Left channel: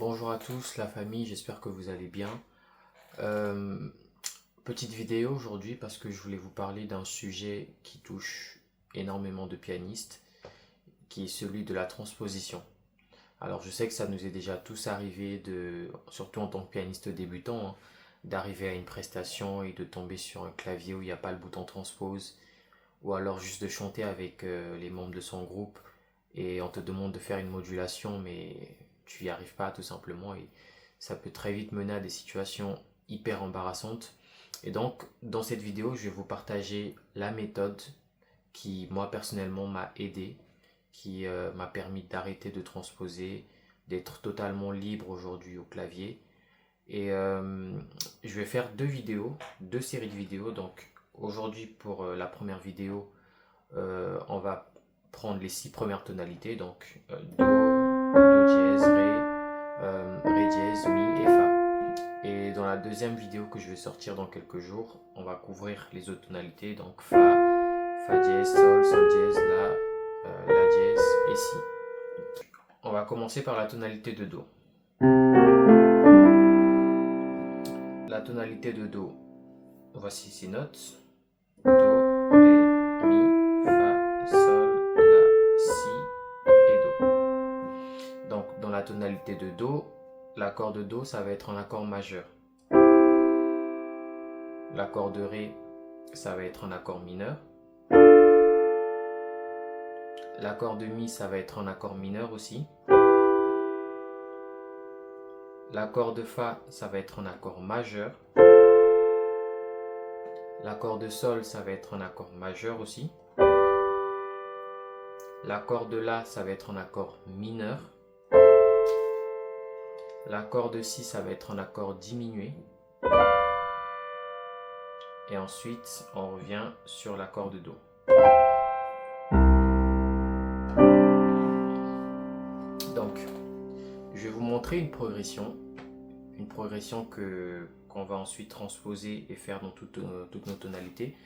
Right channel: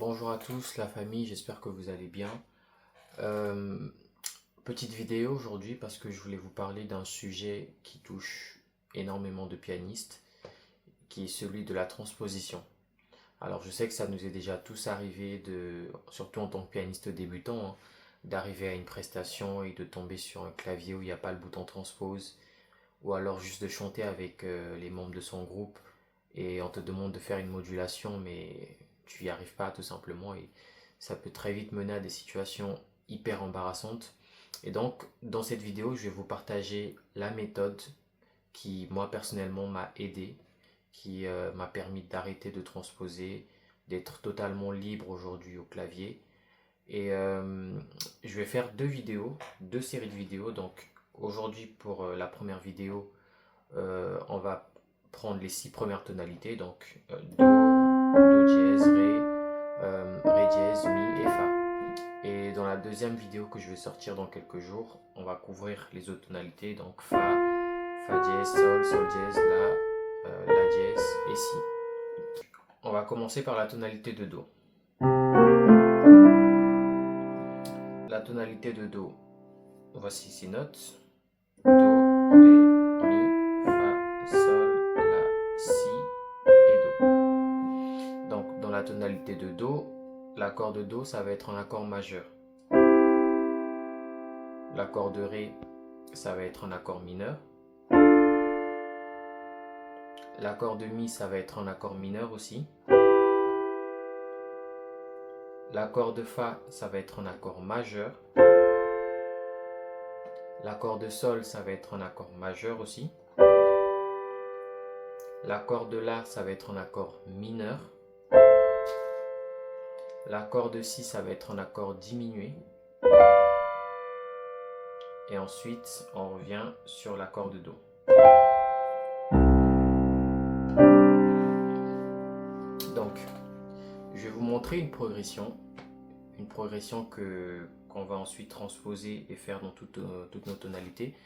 Bonjour à tous, la famille, j'espère que vous allez bien. Euh, Petite vidéo aujourd'hui parce que je voulais vous parler d'un sujet qui touche énormément de pianistes, qui est celui de la transposition. Alors je sais que ça nous est déjà tous arrivé, surtout en tant que pianiste débutant, hein, d'arriver à une prestation et de tomber sur un clavier où il n'y a pas le bouton transpose, ou alors juste de chanter avec les membres de son groupe et on te demande de faire une modulation mais tu n'y arrives pas tout simplement et ça peut très vite mener à des situations hyper embarrassantes. Et donc dans cette vidéo je vais vous partager la méthode qui moi personnellement m'a aidé, qui m'a permis d'arrêter de transposer, d'être totalement libre aujourd'hui au clavier. Et je vais faire deux vidéos, deux séries de vidéos. Donc aujourd'hui pour la première vidéo, on va prendre les six premières tonalités, donc Do dièse, Ré dièse, Mi et Fa. Et dans la deuxième vidéo que je vais sortir dans quelques jours, on va couvrir les autres tonalités, donc Fa dièse, Sol dièse, La dièse et Si. On va commencer par la tonalité de Do. La tonalité de Do, voici ces notes. Do, Ré, Mi, Fa, Sol, La, Si et Do. Donc dans la tonalité de Do, l'accord de Do ça va être un accord majeur. L'accord de Ré ça va être un accord mineur. L'accord de Mi ça va être un accord mineur aussi. L'accord de Fa ça va être un accord majeur. L'accord de Sol ça va être un accord majeur aussi. L'accord de La ça va être un accord mineur. L'accord de Si ça va être un accord diminué. Et ensuite on revient sur l'accord de Do. Donc je vais vous montrer une progression qu'on va ensuite transposer et faire dans toutes nos tonalités.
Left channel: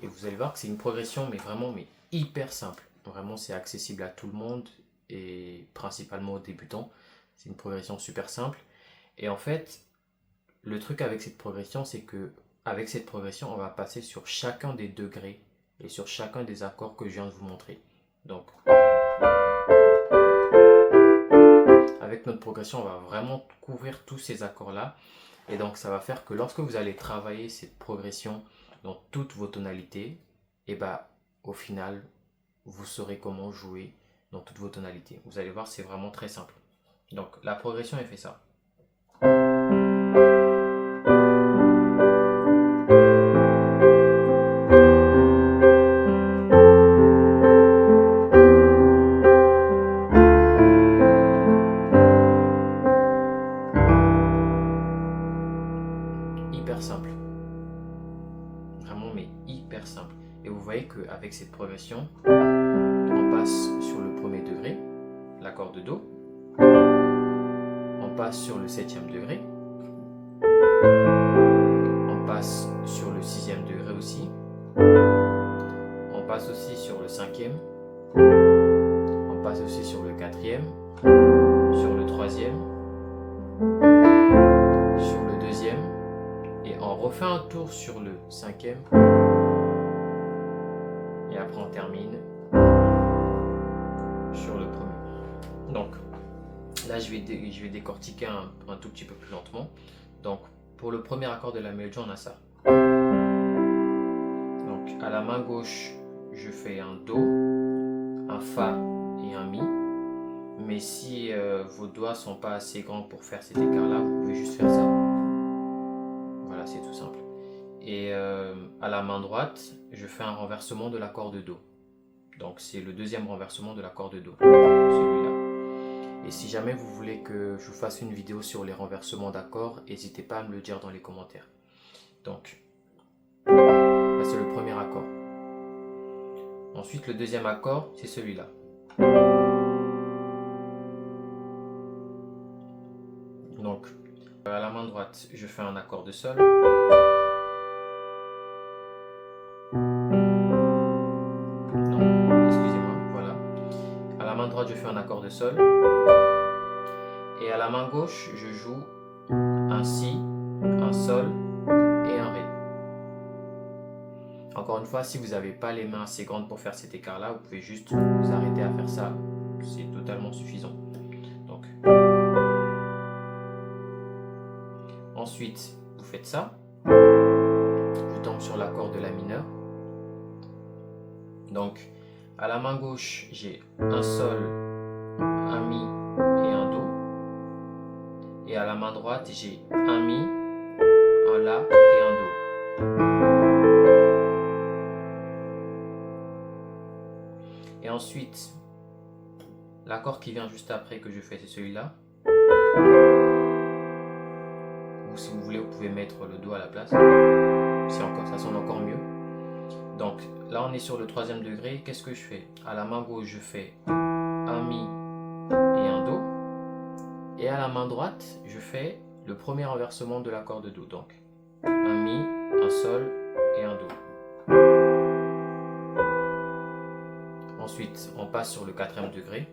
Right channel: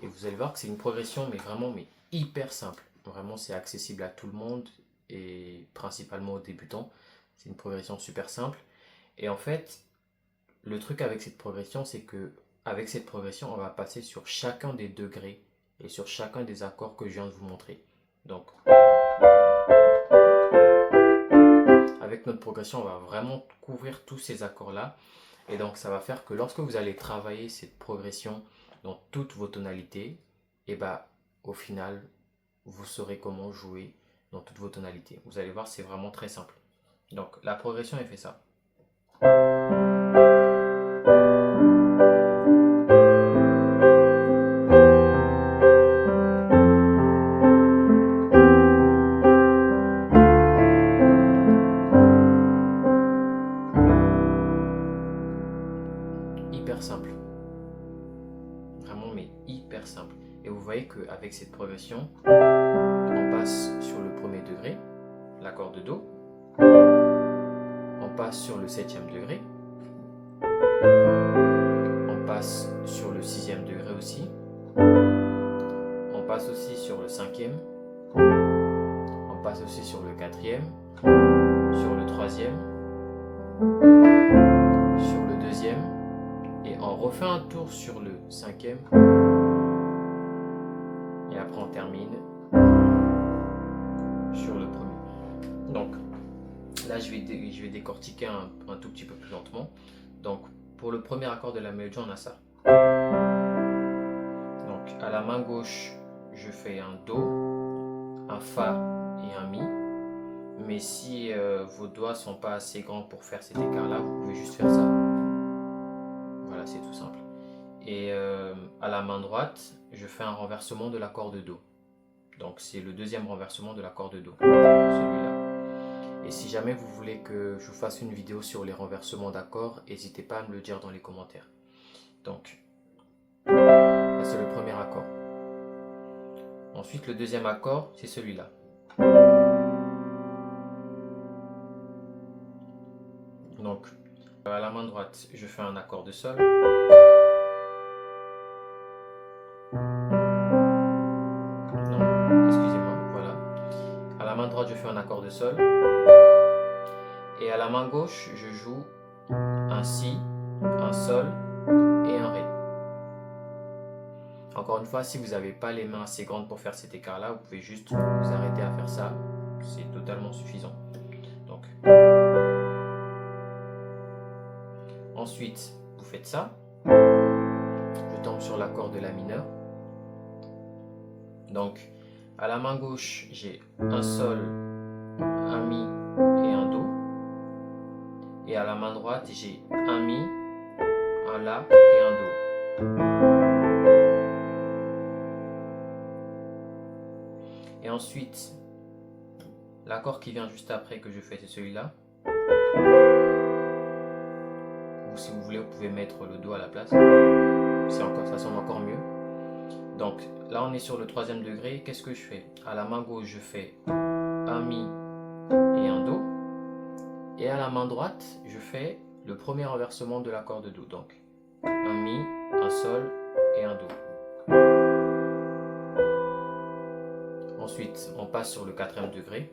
Et vous allez voir que c'est une progression mais hyper simple. Vraiment c'est accessible à tout le monde et principalement aux débutants. C'est une progression super simple. Et en fait, le truc avec cette progression, c'est que avec cette progression, on va passer sur chacun des degrés et sur chacun des accords que je viens de vous montrer. Donc, avec notre progression, on va vraiment couvrir tous ces accords-là. Et donc, ça va faire que lorsque vous allez travailler cette progression dans toutes vos tonalités, et bah, au final, vous saurez comment jouer dans toutes vos tonalités. Vous allez voir, c'est vraiment très simple. Donc, la progression, elle fait ça. Hyper simple. Vraiment, mais hyper simple. Et vous voyez qu'avec cette progression, on passe sur le premier degré, l'accord de Do. On passe sur le septième degré. On passe sur le sixième degré aussi. On passe aussi sur le cinquième. On passe aussi sur le quatrième. Sur le troisième. Sur le deuxième. Et on refait un tour sur le cinquième. Et après on termine sur le premier. Donc là je vais décortiquer un tout petit peu plus lentement. Donc pour le premier accord de la mélodie on a ça. Donc à la main gauche je fais un Do, un Fa et un Mi. Mais si vos doigts sont pas assez grands pour faire cet écart là, vous pouvez juste faire ça. Voilà, c'est tout simple. Et à la main droite, je fais un renversement de l'accord de Do. Donc c'est le deuxième renversement de l'accord de Do, celui-là. Et si jamais vous voulez que je vous fasse une vidéo sur les renversements d'accords, n'hésitez pas à me le dire dans les commentaires. Donc, là c'est le premier accord. Ensuite, le deuxième accord, c'est celui-là. Donc, à la main droite, je fais un accord de Sol. Non, excusez-moi, voilà. À la main droite, je fais un accord de Sol. Et à la main gauche, je joue un Si, un Sol et un Ré. Encore une fois, si vous n'avez pas les mains assez grandes pour faire cet écart-là, vous pouvez juste vous arrêter à faire ça. C'est totalement suffisant. Donc, ensuite, vous faites ça. Je tombe sur l'accord de La mineur. Donc, à la main gauche, j'ai un Sol, un Mi et un Do. Et à la main droite, j'ai un Mi, un La et un Do. Et ensuite, l'accord qui vient juste après que je fais, c'est celui-là. Ou si vous voulez, vous pouvez mettre le Do à la place. Ça sonne encore mieux. Donc là, on est sur le troisième degré. Qu'est-ce que je fais? À la main gauche, je fais un Mi et un Do. Et à la main droite, je fais le premier renversement de l'accord de Do. Donc un Mi, un Sol et un Do. Ensuite, on passe sur le quatrième degré.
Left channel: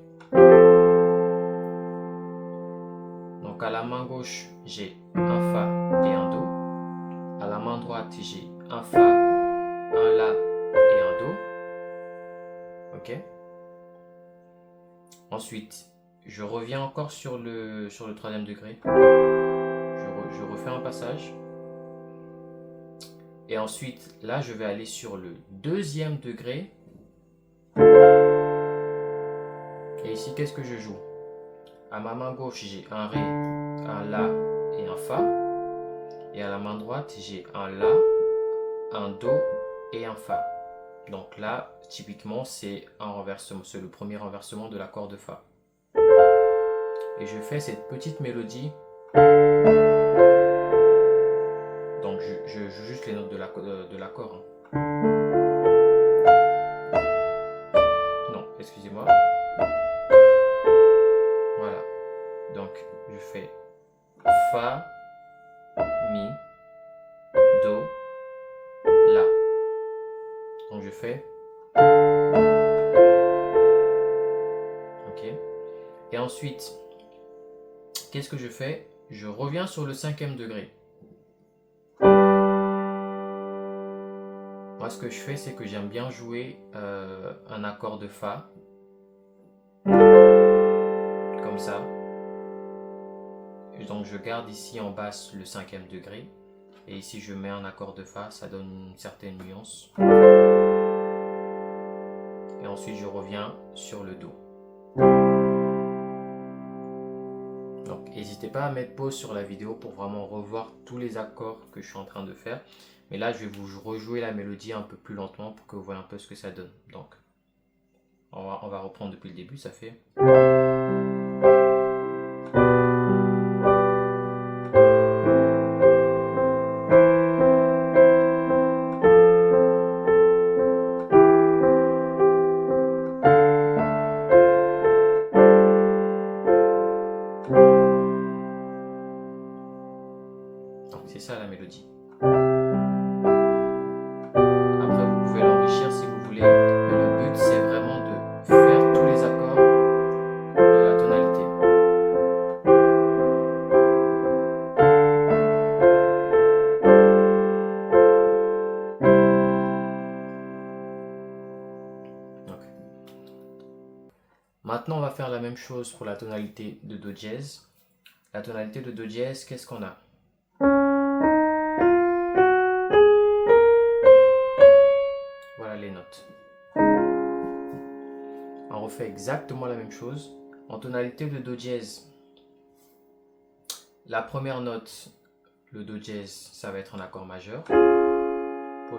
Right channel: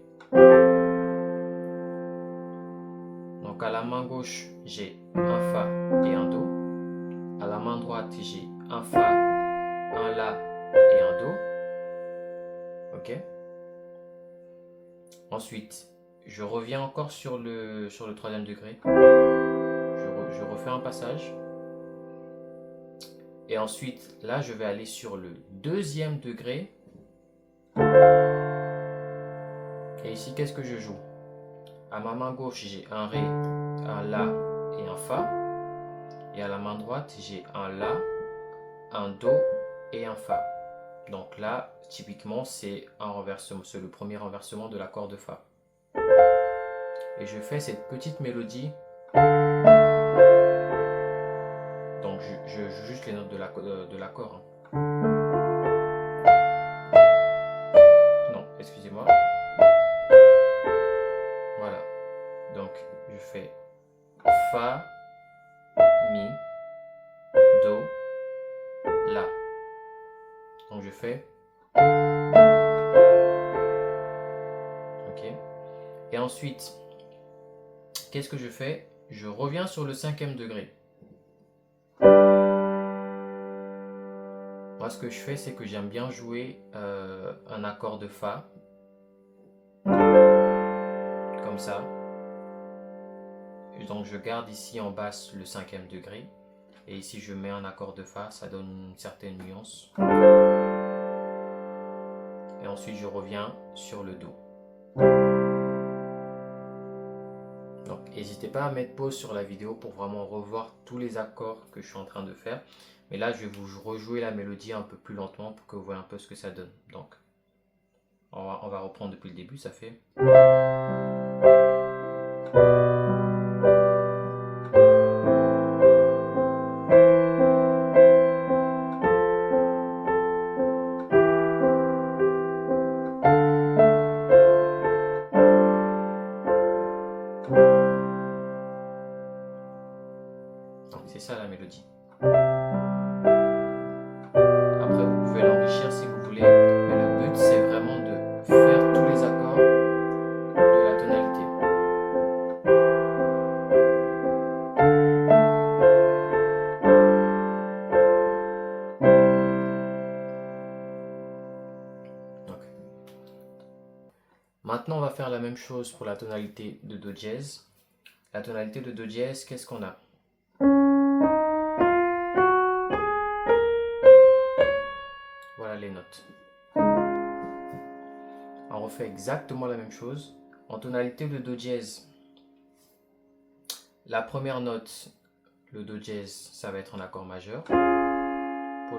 Donc à la main gauche, j'ai un Fa et un Do. À la main droite, j'ai un Fa, un La et un Do. Ok. Ensuite, je reviens encore sur le troisième degré. Je refais un passage. Et ensuite, là, je vais aller sur le deuxième degré. Et ici, qu'est-ce que je joue? À ma main gauche, j'ai un Ré, un La et un Fa. Et à la main droite, j'ai un La, un Do et un Fa. Donc là, typiquement, c'est un renversement, c'est le premier renversement de l'accord de Fa. Et je fais cette petite mélodie. Donc je joue juste les notes de l'accord. Non, excusez-moi. Voilà. Donc je fais Fa, Mi, Do, La. Donc je fais. Ok. Et ensuite, qu'est-ce que je fais? Je reviens sur le cinquième degré. Moi, ce que je fais, c'est que j'aime bien jouer un accord de Fa. Comme ça. Et donc je garde ici en basse le cinquième degré. Et ici, je mets un accord de Fa. Ça donne une certaine nuance. Et ensuite, je reviens sur le Do. Donc, n'hésitez pas à mettre pause sur la vidéo pour vraiment revoir tous les accords que je suis en train de faire. Mais là, je vais vous rejouer la mélodie un peu plus lentement pour que vous voyez un peu ce que ça donne. Donc, on va reprendre depuis le début. Ça fait... Donc, c'est ça la mélodie. Après, vous pouvez l'enrichir si vous voulez. Mais le but, c'est vraiment de faire tous les accords de la tonalité. Okay. Maintenant, on va faire la même chose pour la tonalité de Do dièse. La tonalité de Do dièse, qu'est-ce qu'on a? Voilà les notes. On refait exactement la même chose. En tonalité de Do dièse, la première note, le Do dièse, ça va être un accord majeur. Pour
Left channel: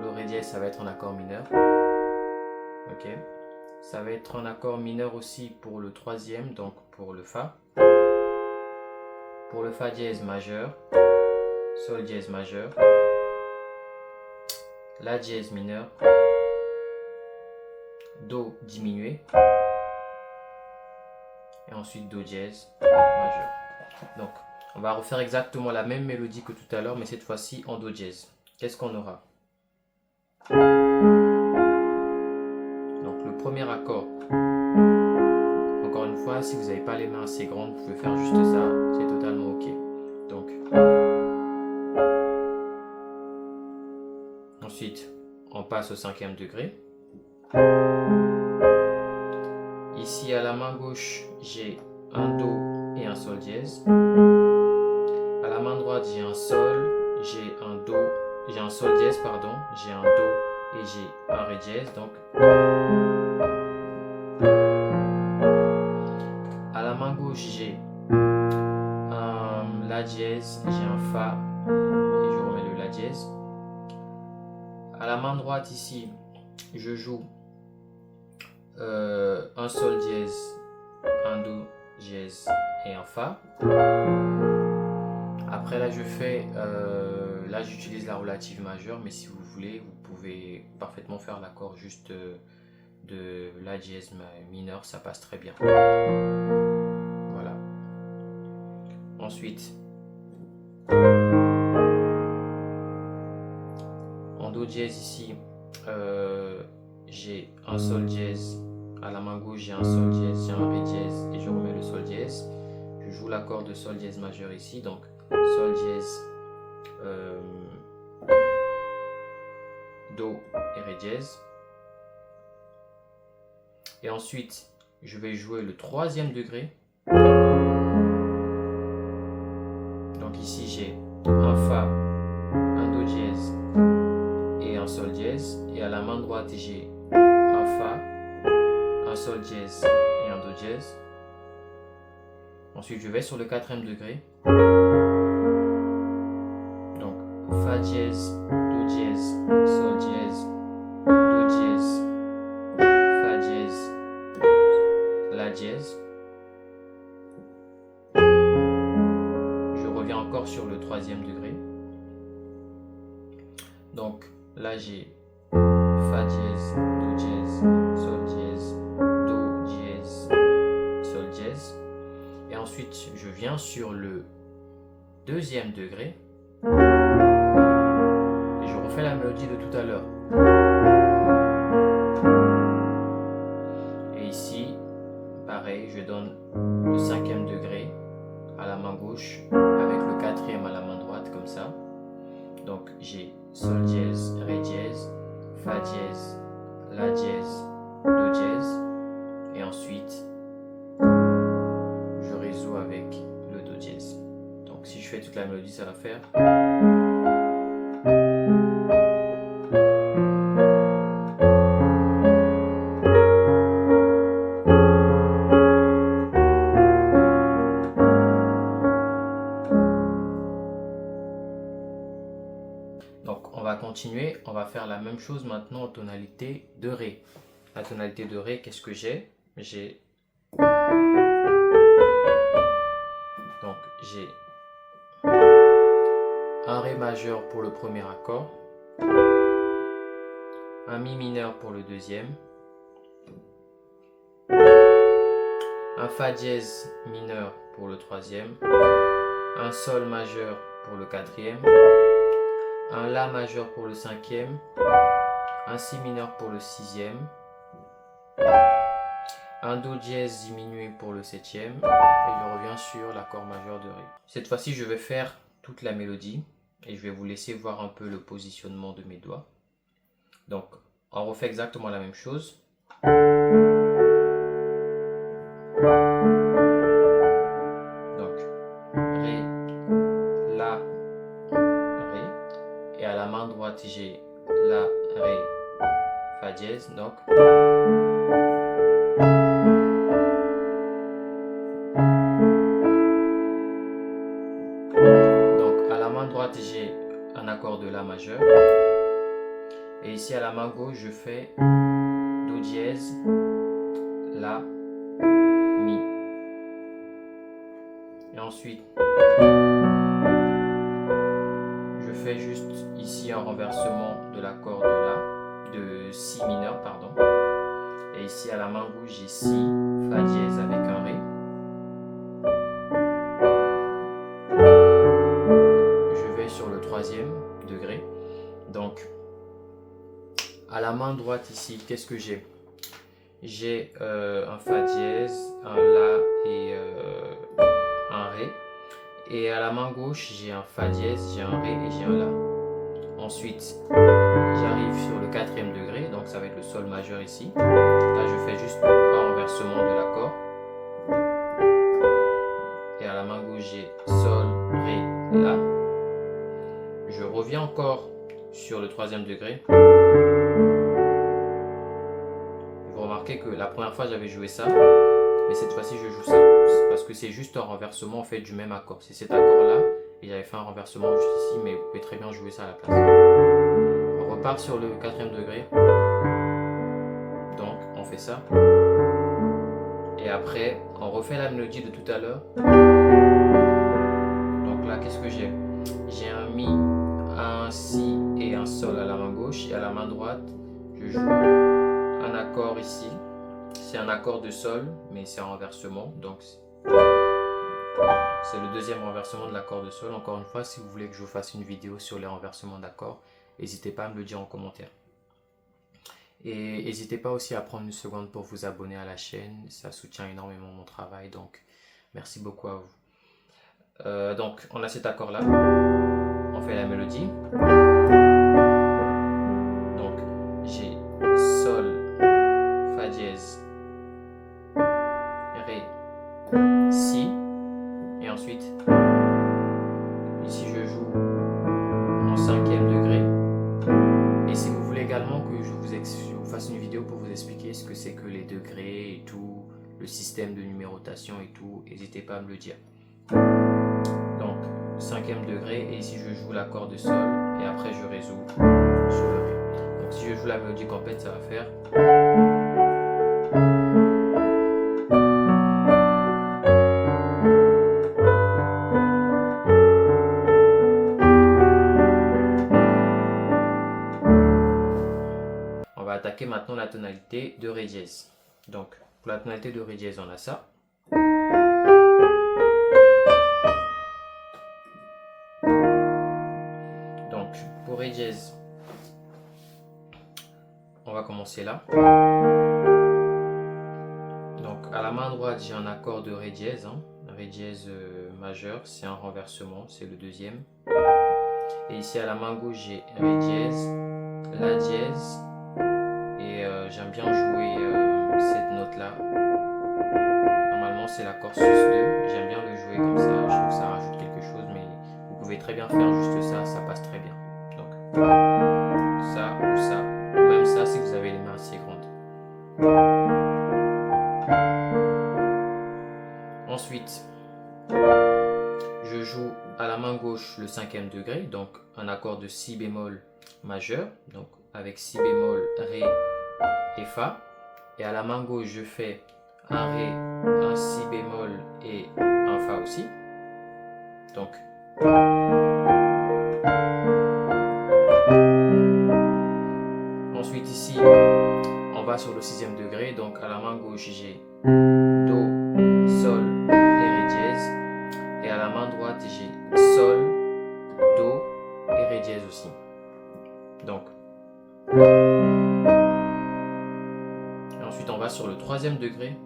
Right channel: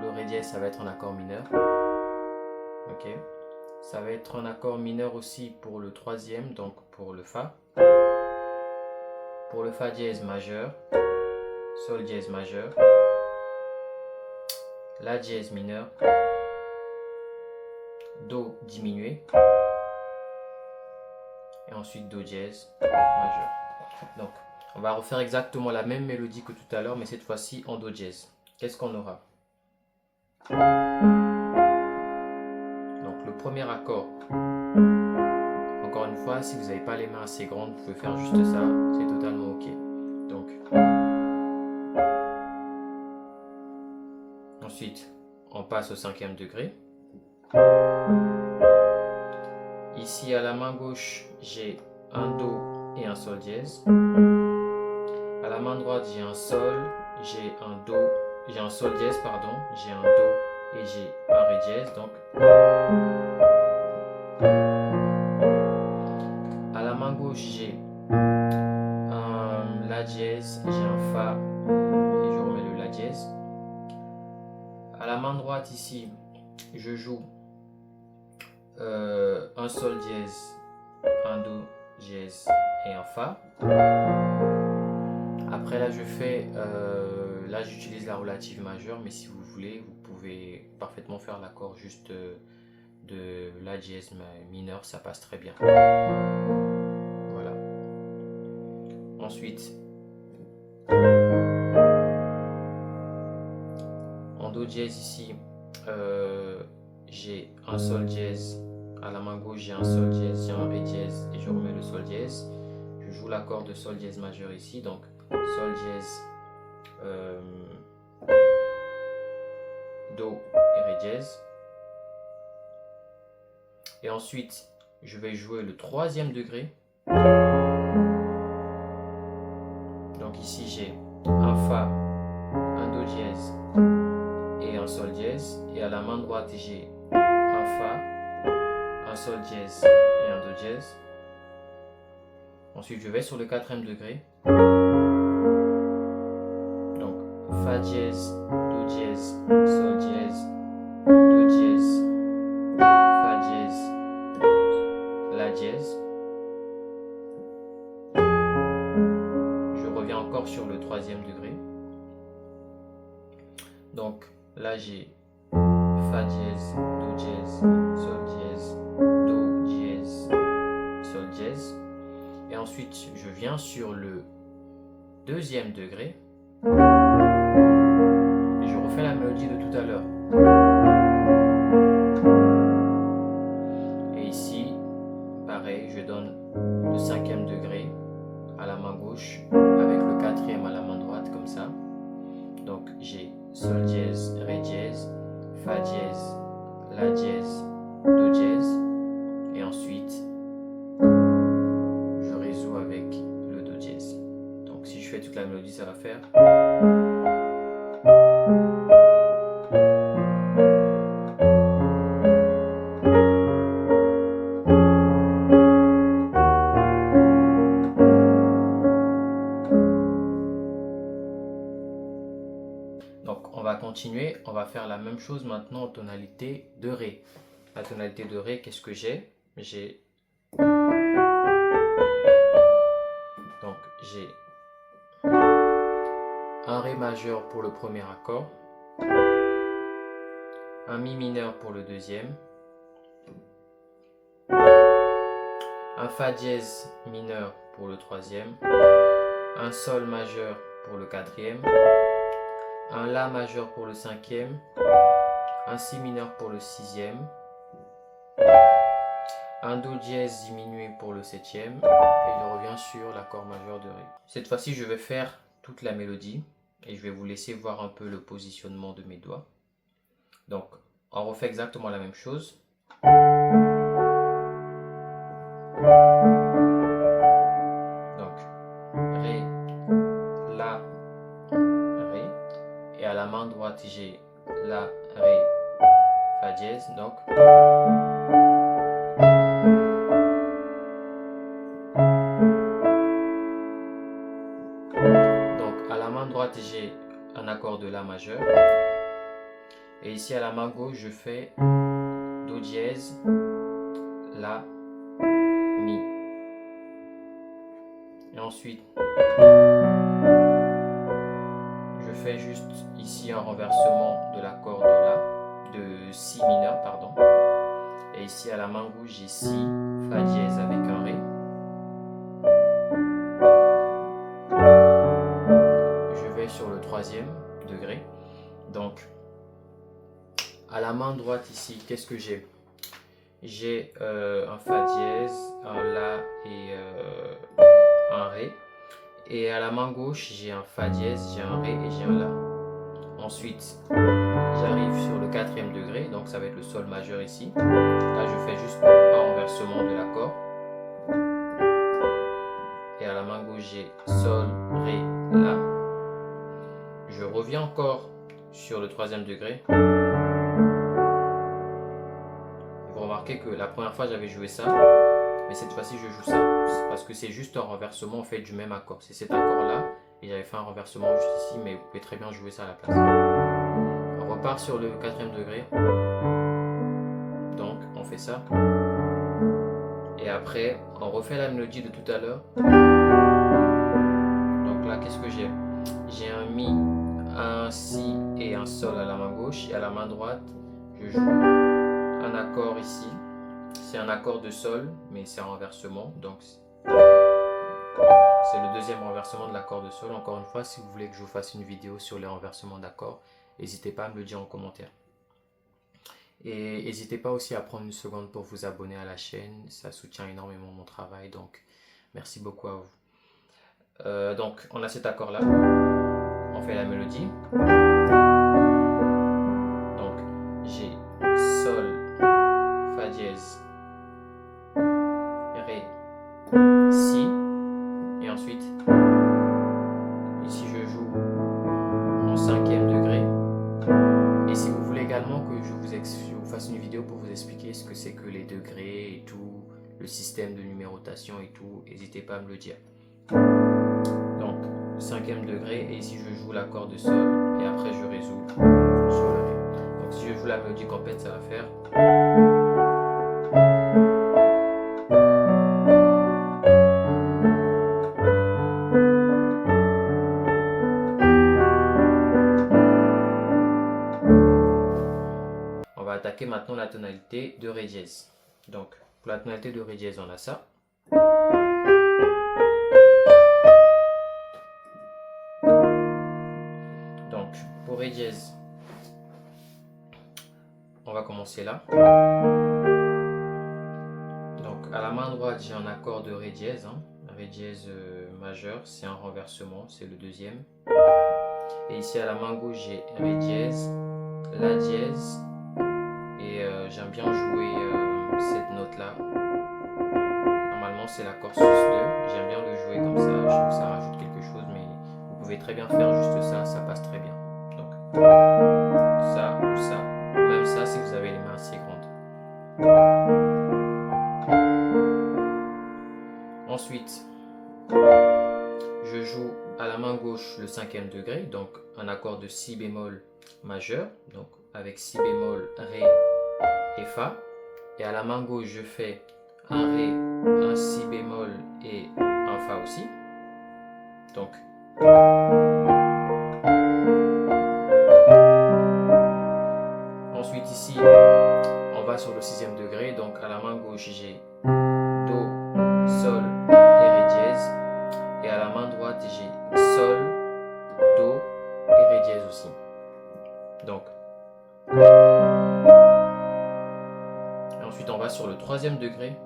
le Ré dièse, ça va être un accord mineur. Ok. Ça va être un accord mineur aussi pour le troisième, donc pour le Fa. Pour le Fa dièse majeur, Sol dièse majeur, La dièse mineur, Do diminué, et ensuite Do dièse majeur. Donc, on va refaire exactement la même mélodie que tout à l'heure, mais cette fois-ci en Do dièse. Qu'est-ce qu'on aura? Donc, le premier accord, encore une fois, si vous n'avez pas les mains assez grandes, vous pouvez faire juste ça, c'est totalement ok. Donc, ensuite, on passe au 5e degré. Ici, à la main gauche, j'ai un Do et un Sol dièse. À la main droite, j'ai un Sol, j'ai un Do, j'ai un Sol dièse, pardon, j'ai un Do et j'ai un Ré dièse. Donc, à la main gauche, j'ai un La dièse, j'ai un Fa et je remets le La dièse. À la main droite, ici, je joue un Sol dièse, un Do dièse et un Fa. Après là je fais, là j'utilise la relative majeure, mais si vous voulez, vous pouvez parfaitement faire l'accord juste de La dièse mineur, ça passe très bien. Voilà. Ensuite, en Do dièse ici, j'ai un Sol dièse. À la main gauche, j'ai un Sol dièse, j'ai un Ré dièse et je remets le Sol dièse. Je joue l'accord de Sol dièse majeur ici, donc Sol dièse, Do et Ré dièse. Et ensuite, je vais jouer le 3e degré. Donc ici, j'ai un Fa, un Do dièse et un Sol dièse. Et à la main droite, j'ai un Fa, un Sol dièse et un Do dièse. Ensuite, je vais sur le 4e degré. Donc, Fa dièse, Do dièse, Sol dièse, Do dièse, Fa dièse, La dièse. Je reviens encore sur le 3e degré. Donc, là, j'ai Fa dièse, Do dièse, Sol dièse, Do dièse, Sol dièse. Et ensuite, je viens sur le 2e degré. Et je refais la mélodie de tout à l'heure. Et ici, pareil, je donne le 5e degré à la main gauche avec le 4e à la main droite, comme ça. Donc, j'ai Sol dièse, Ré dièse, Fa dièse, La dièse, Do dièse. Et ensuite, je résous avec le Do dièse. Donc, si je fais toute la mélodie, ça va faire. Donc, on va continuer. On va faire la même chose maintenant en tonalité de Ré. La tonalité de Ré, qu'est-ce que j'ai? Donc, j'ai un Ré majeur pour le premier accord, un Mi mineur pour le deuxième, un Fa dièse mineur pour le troisième, un Sol majeur pour le quatrième, un La majeur pour le cinquième, un Si mineur pour le sixième, un Do dièse diminué pour le septième, et je reviens sur l'accord majeur de Ré. Cette fois-ci, je vais faire toute la mélodie et je vais vous laisser voir un peu le positionnement de mes doigts. Donc, on refait exactement la même chose. Donc, Ré, La, Ré. Et à la main droite, j'ai La, Ré, Fa dièse. Donc, à la main droite, j'ai un accord de La majeur. Et ici, à la main gauche, je fais Do dièse, La, Mi. Et ensuite, je fais juste ici un renversement de l'accord de La, de Si mineur, pardon. Et ici, à la main gauche, j'ai Si, Fa dièse avec un Ré. Je vais sur le 3e degré. Donc, à la main droite ici, qu'est-ce que j'ai? j'ai un Fa dièse, un La et un Ré. Et à la main gauche, j'ai un Fa dièse, j'ai un Ré et j'ai un La. Ensuite, j'arrive sur le quatrième degré, donc ça va être le Sol majeur ici. Là, je fais juste un renversement de l'accord. Et à la main gauche, j'ai Sol, Ré, La. Je reviens encore sur le troisième degré. Vous remarquez que la première fois, j'avais joué ça, mais cette fois-ci, je joue ça. Parce que c'est juste un renversement en fait du même accord. C'est cet accord-là, et j'avais fait un renversement juste ici, mais vous pouvez très bien jouer ça à la place. On repart sur le quatrième degré. Donc, on fait ça. Et après, on refait la mélodie de tout à l'heure. Donc là, qu'est-ce que j'ai? J'ai un Mi, un Si et un Sol à la main gauche. Et à la main droite, je joue un accord ici. C'est un accord de Sol, mais c'est un renversement. Donc, c'est le deuxième renversement de l'accord de Sol. Encore une fois, si vous voulez que je vous fasse une vidéo sur les renversements d'accords, n'hésitez pas à me le dire en commentaire. Et n'hésitez pas aussi à prendre une seconde pour vous abonner à la chaîne. Ça soutient énormément mon travail. Donc, merci beaucoup à vous. Donc, on a cet accord-là. On fait la mélodie. Donc, j'ai Sol, Fa dièse, Ré, Si. Et ensuite, ici je joue en cinquième degré. Et si vous voulez également que je vous fasse une vidéo pour vous expliquer ce que c'est que les degrés et tout, le système de numérotation et tout, n'hésitez pas à me le dire. Donc, cinquième degré, et ici je joue l'accord de Sol, et après je résous sur le Ré. Donc si je joue la mélodie complète, ça va faire... On va attaquer maintenant la tonalité de Ré dièse. Donc, pour la tonalité de Ré dièse, on a ça. Donc, pour Ré dièse, on va commencer là. Donc, à la main droite, j'ai un accord de Ré dièse. Ré dièse majeur, c'est un renversement, c'est le deuxième. Et ici, à la main gauche, j'ai Ré dièse, La dièse. Et j'aime bien jouer cette note-là. Normalement, c'est l'accord sus 2. J'aime bien le jouer comme ça. Je trouve que ça rajoute quelque chose, mais vous pouvez très bien faire juste ça, ça passe très bien. Donc, ça ou ça, ou même ça si vous avez les mains assez grandes. Ensuite, je joue à la main gauche le cinquième degré, donc un accord de Si bémol majeur, donc avec Si bémol, Ré et Fa. Et à la main gauche, je fais un Ré, un Si bémol et un Fa aussi. Donc, ensuite ici, on va sur le sixième degré. Donc à la main gauche, j'ai Do, Sol et Ré dièse. Et à la main droite, j'ai Sol, Do et Ré dièse aussi. Donc, et ensuite on va sur le troisième degré.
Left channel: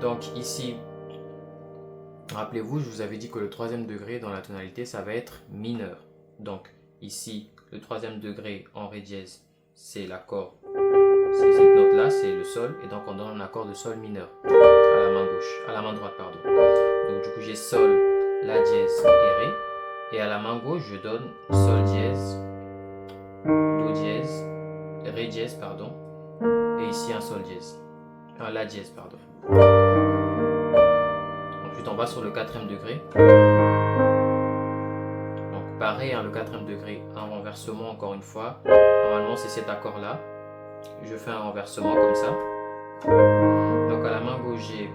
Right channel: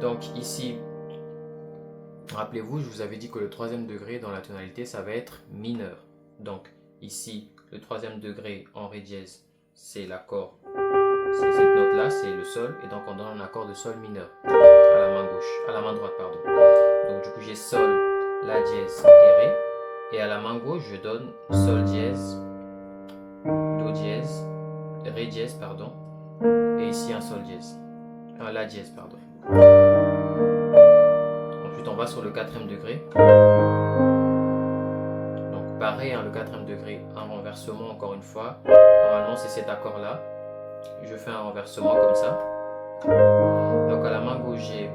Donc ici, rappelez-vous, je vous avais dit que le troisième degré dans la tonalité, ça va être mineur. Donc ici, le troisième degré en Ré dièse, c'est l'accord, c'est cette note-là, c'est le Sol. Et donc on donne un accord de Sol mineur à la main gauche, à la main droite, pardon. Donc du coup, j'ai Sol, La dièse et Ré. Et à la main gauche, je donne Sol dièse, Do dièse, Ré dièse, pardon. Et ici, un Sol dièse, un La dièse, pardon. Ensuite, on va sur le quatrième degré. Donc, pareil, le quatrième degré, un renversement encore une fois. Normalement, c'est cet accord-là. Je fais un renversement comme ça. Donc, à la main gauche, j'ai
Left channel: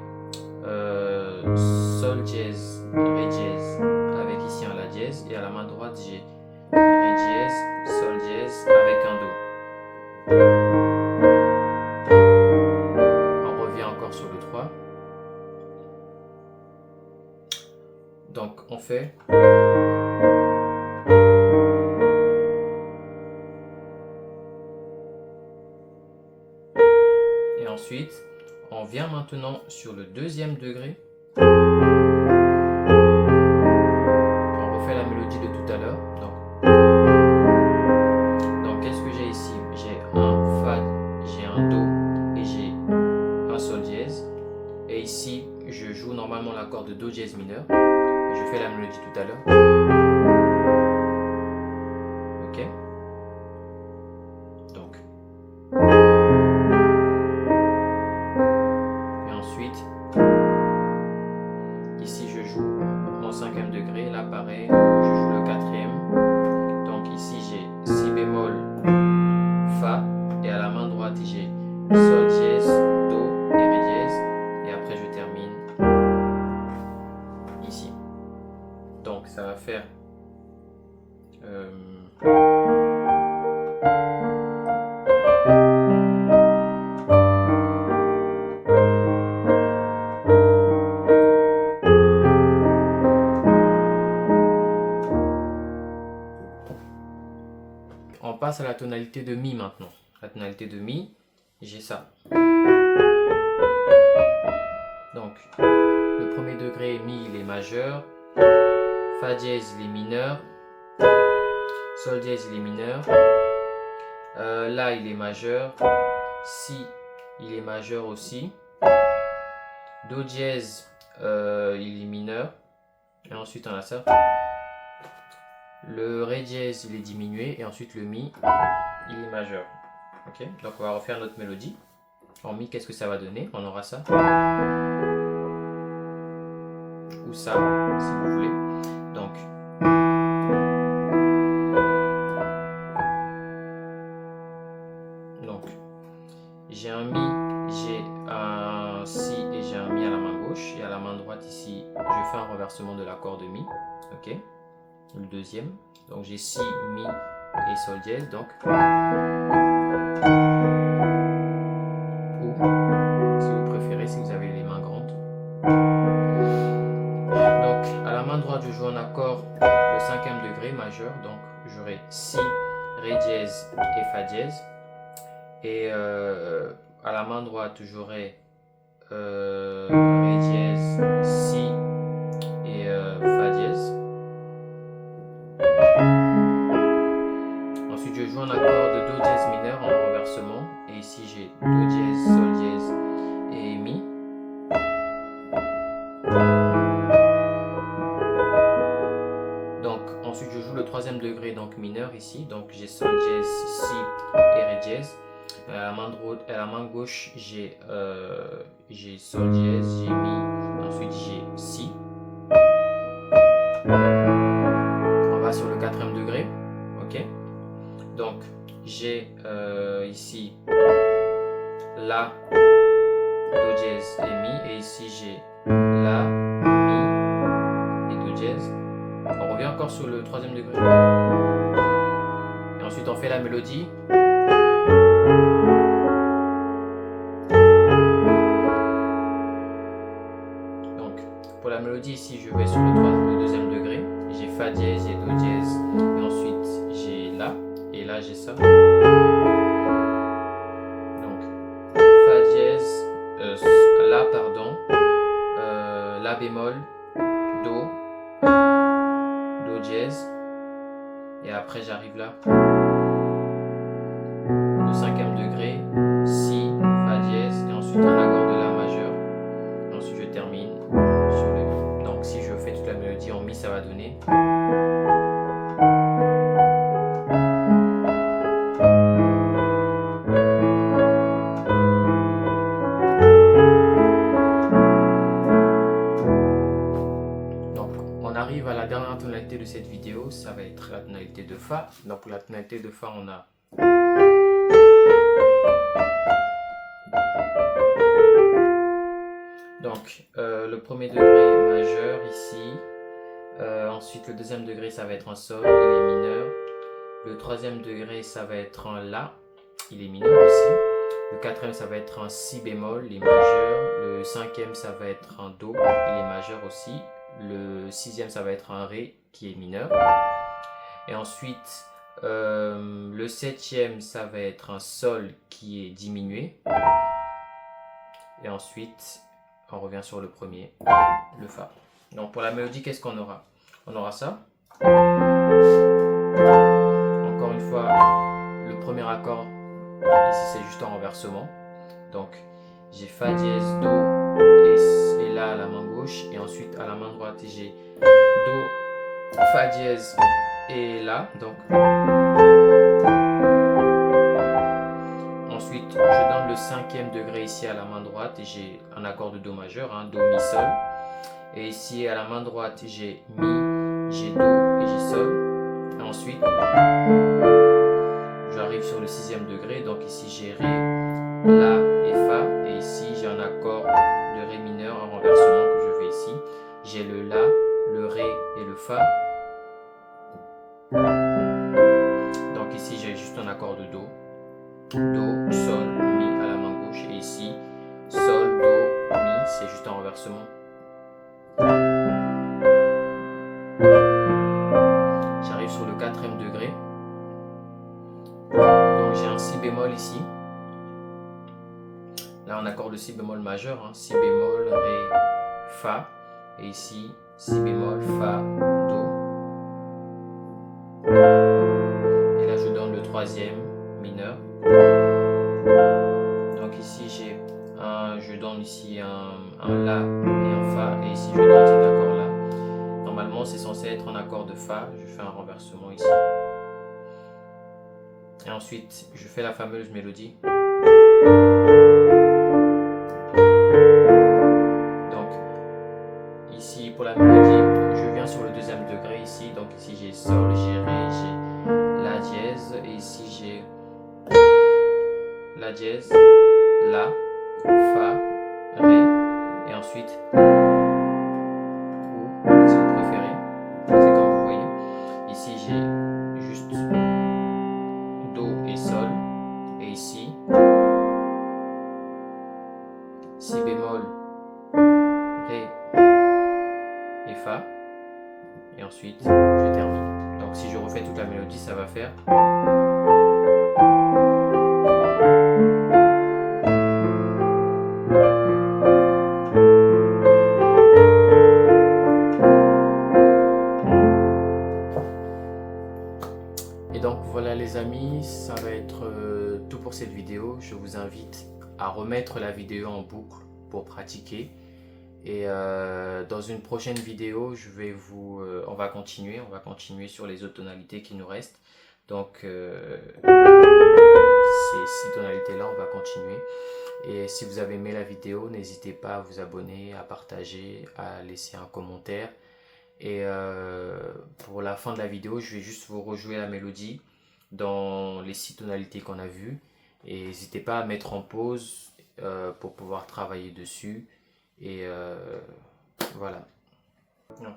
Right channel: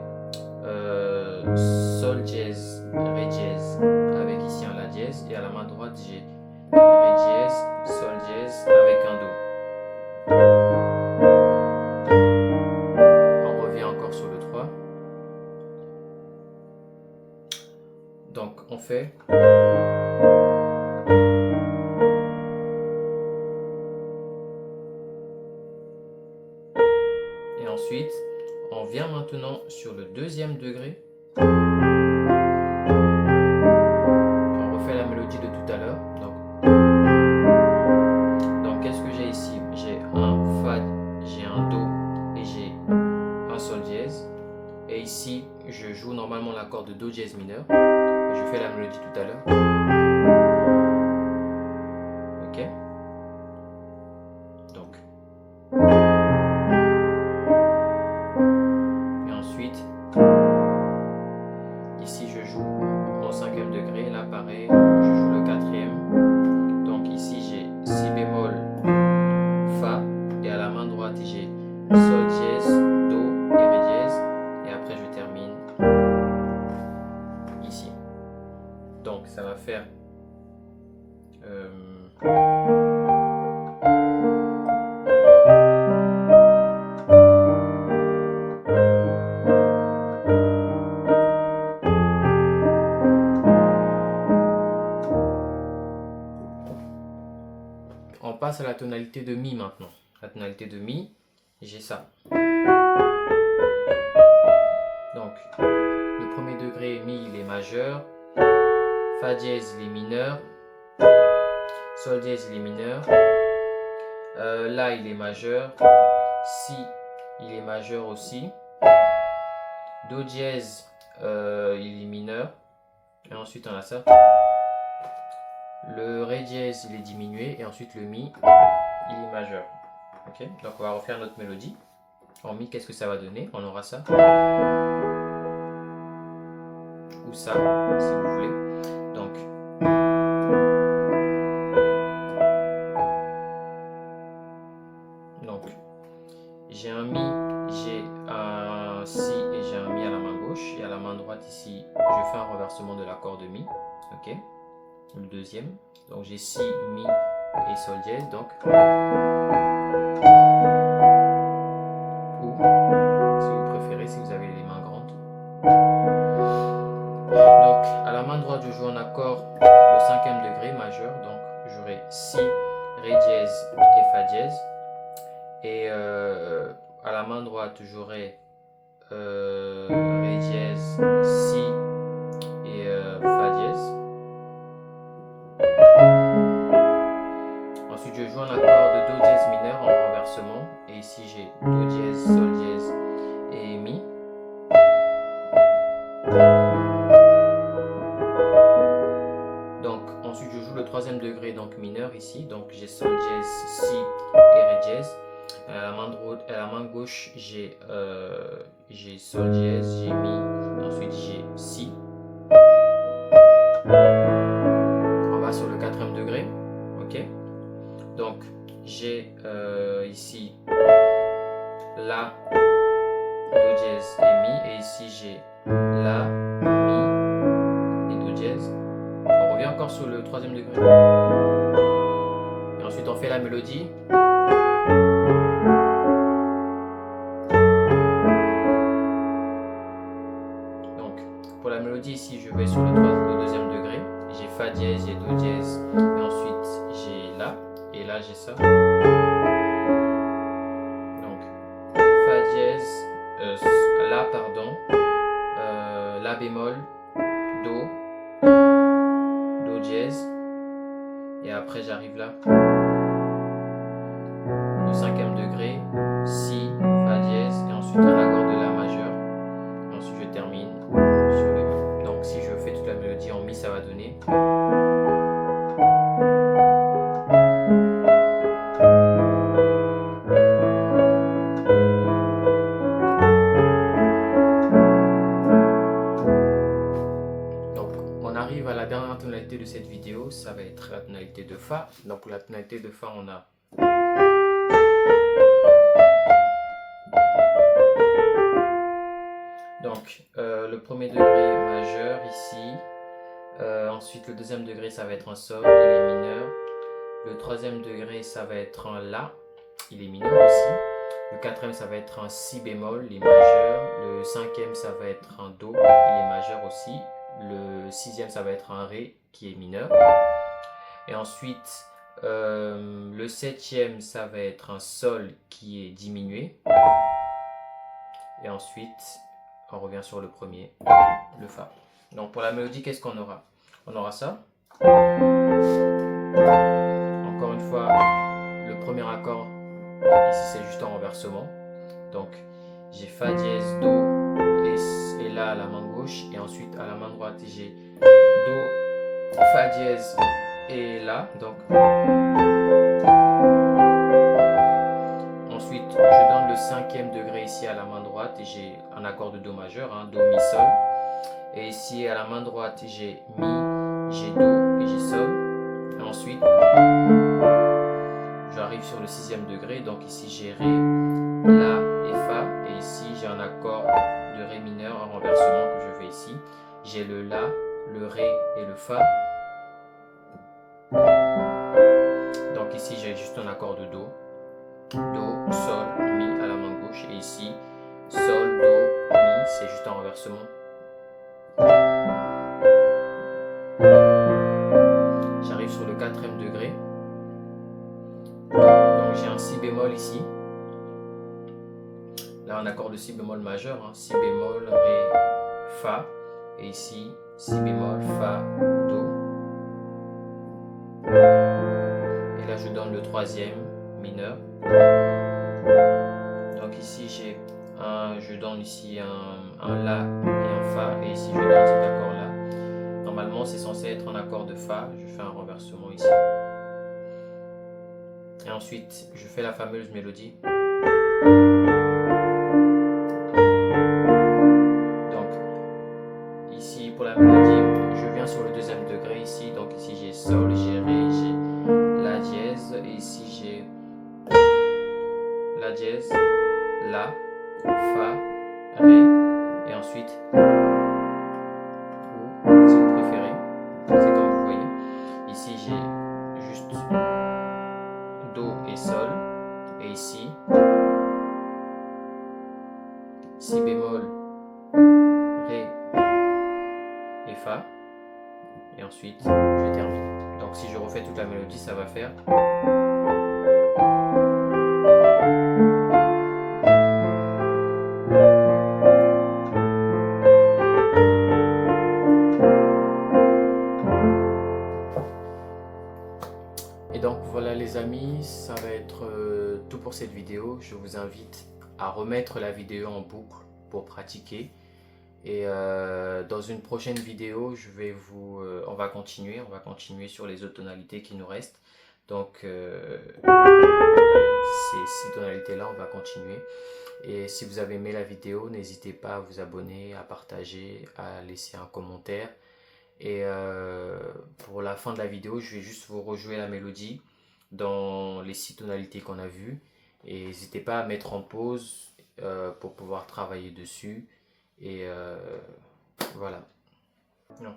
Sol dièse, Ré dièse, avec ici un La dièse. Et à la main droite, j'ai Ré dièse, Sol dièse, avec un Do. On revient encore sur le 3. Donc on fait ensuite, on vient maintenant sur le deuxième degré. On refait la mélodie de tout à l'heure. Donc qu'est-ce que j'ai ici? J'ai un Fa, j'ai un Do et j'ai un Sol dièse. Et ici, je joue normalement l'accord de Do dièse mineur. Je fais la mélodie tout à l'heure. Ok? Donc. Et ensuite, ici je joue mon cinquième degré. Là pareil, je joue le quatrième. Donc ici j'ai Si bémol, Fa. Et à la main droite j'ai Sol dièse, Do et Ré dièse. Et après je termine ici. Donc ça va faire on passe à la tonalité de Mi maintenant. La tonalité de Mi, j'ai ça. Donc, le premier degré, Mi, il est majeur. Fa dièse, il est mineur. Sol dièse, il est mineur. La, il est majeur. Si, il est majeur aussi. Do dièse, il est mineur. Et ensuite, on a ça. Le Ré dièse, il est diminué. Et ensuite, le Mi, il est majeur. Ok, donc on va refaire notre mélodie. En Mi, qu'est-ce que ça va donner? On aura ça. Ou ça, si vous voulez. Donc j'ai un Mi, j'ai un Si et j'ai un Mi à la main gauche. Et à la main droite ici, je fais un renversement de l'accord de Mi. Ok, le deuxième. Donc j'ai Si, Mi et Sol dièse. Donc, ou si vous préférez, si vous avez les mains grandes. Donc à la main droite, je joue un accord de cinquième degré majeur. Donc j'aurai Si, Ré dièse et Fa dièse. Et à la main droite, j'aurai Ré dièse, Si et Fa dièse. Ensuite, je joue un accord de Do dièse mineur en renversement. Et ici, j'ai Do dièse, Sol dièse et Mi. Donc, ensuite, je joue le troisième degré, donc mineur ici. Donc, j'ai Sol dièse, Si et Ré dièse. À la main gauche, j'ai Sol dièse, j'ai Mi, ensuite j'ai Si. On va sur le quatrième degré, ok. Donc j'ai ici La, Do dièse et Mi, et ici j'ai La, Mi et Do dièse. On revient encore sur le troisième degré. Et ensuite on fait la mélodie. Pour la mélodie ici, je vais sur le deuxième degré. J'ai Fa dièse, j'ai Do dièse, et ensuite j'ai La, et là j'ai ça. Donc Fa dièse, La pardon, La bémol, Do, Do dièse, et après j'arrive là. Le cinquième degré, Si, Fa dièse, et ensuite un accord de La majeur, et ensuite je termine sur le Mi. Donc si je fais toute la mélodie en Mi, ça va donner. Donc on arrive à la dernière tonalité de cette vidéo, ça va être la tonalité de Fa. Donc pour la tonalité de Fa, on a donc le premier degré majeur ici, ensuite le deuxième degré ça va être un Sol, il est mineur, le troisième degré ça va être un La, il est mineur aussi, le quatrième ça va être un Si bémol, il est majeur, le cinquième ça va être un Do, il est majeur aussi, le sixième ça va être un Ré qui est mineur, et ensuite le septième ça va être un Sol qui est diminué. Et ensuite, on revient sur le premier, le Fa. Donc pour la mélodie, qu'est-ce qu'on aura? On aura ça. Encore une fois, le premier accord, ici c'est juste en renversement. Donc j'ai Fa dièse, Do et La à la main gauche. Et ensuite à la main droite, j'ai Do, Fa dièse et La. Donc ensuite, je donne le 5e degré ici à la main droite et j'ai un accord de Do majeur, hein, Do, Mi, Sol. Et ici à la main droite, j'ai Mi, j'ai Do et j'ai Sol. Et ensuite, j'arrive sur le 6e degré, donc ici j'ai Ré, La et Fa. Et ici j'ai un accord de Ré mineur en renversement que je fais ici. J'ai le La, le Ré et le Fa. Donc ici j'ai juste un accord de Do. Do, Sol, Mi à la main gauche. Et ici, Sol, Do, Mi, c'est juste un renversement. J'arrive sur le 4e degré. Donc j'ai un Si bémol ici. Là un accord de Si bémol majeur. Hein. Si bémol, Ré, Fa. Et ici, Si bémol, Fa, Do. Et là je donne le 3e mineur. Donc ici je donne ici un La et un Fa, et ici je donne cet accord là. Normalement c'est censé être un accord de Fa, je fais un renversement ici. Et ensuite je fais la fameuse mélodie. Donc ici pour la mélodie, je viens sur le 2e degré ici, donc ici j'ai Sol, j'ai Ré, j'ai La dièse, et ici j'ai La dièse, La, Fa, Ré, et ensuite, ou si vous préférez, c'est comme vous voyez. Ici j'ai juste Do et Sol, et ici, Si bémol, Ré et Fa, et ensuite je termine. Donc si je refais toute la mélodie, ça va faire. Et donc voilà les amis, ça va être tout pour cette vidéo. Je vous invite à remettre la vidéo en boucle pour pratiquer. Et dans une prochaine vidéo, on va continuer sur les autres tonalités qui nous restent. Donc ces 6 tonalités là, on va continuer. Et si vous avez aimé la vidéo, n'hésitez pas à vous abonner, à partager, à laisser un commentaire. Et pour la fin de la vidéo, je vais juste vous rejouer la mélodie dans les 6 tonalités qu'on a vues. Et n'hésitez pas à mettre en pause pour pouvoir travailler dessus. Et voilà. Non.